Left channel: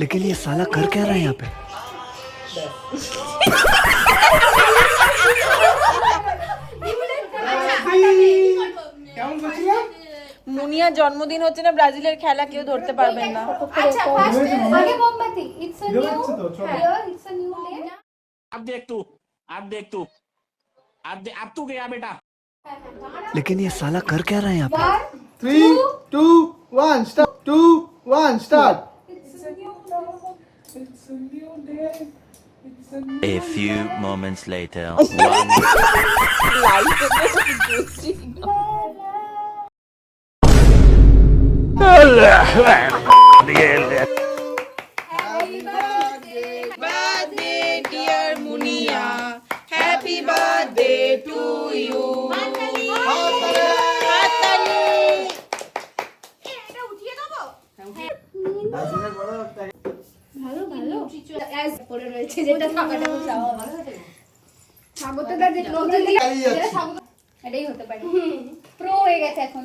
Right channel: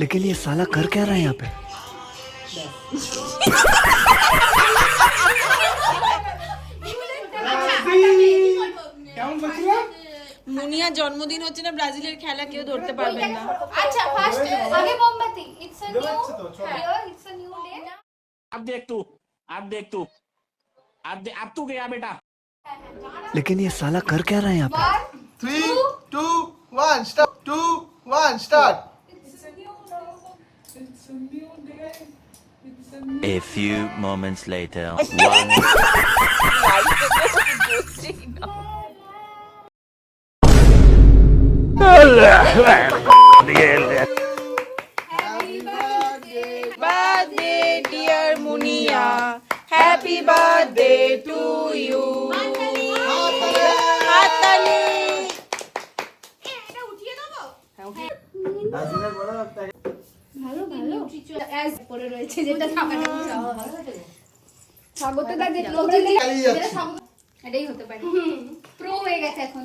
लेकिन ये साला कर क्या रहा है यहाँ पे? মুনিয়ার জন্মদিন হচ্ছে না, ব্রাজিলের খেলা কেউ ধরতে পারবেন না। আচ্ছা ফার্স্ট আগে মোমবাতি। It's a new it's a new day. अब देख तू अब तू गया बेटा। लेकिन ये साला कर क्या रहा है यहाँ पे? 3, 2, 1, start. 2, 1, start. A few moments later, one. Birthday dear Muniya, happy birthday to you. হাততালি। এটা উঠিয়ে দেবো। ভালো ভালো অ্যাজ পড়ে রয়েছে যেটা থাকাটা খুব স্বাগত দা যে প্রো এটাই হতে পারে প্রো হয়ে গেছে এখন।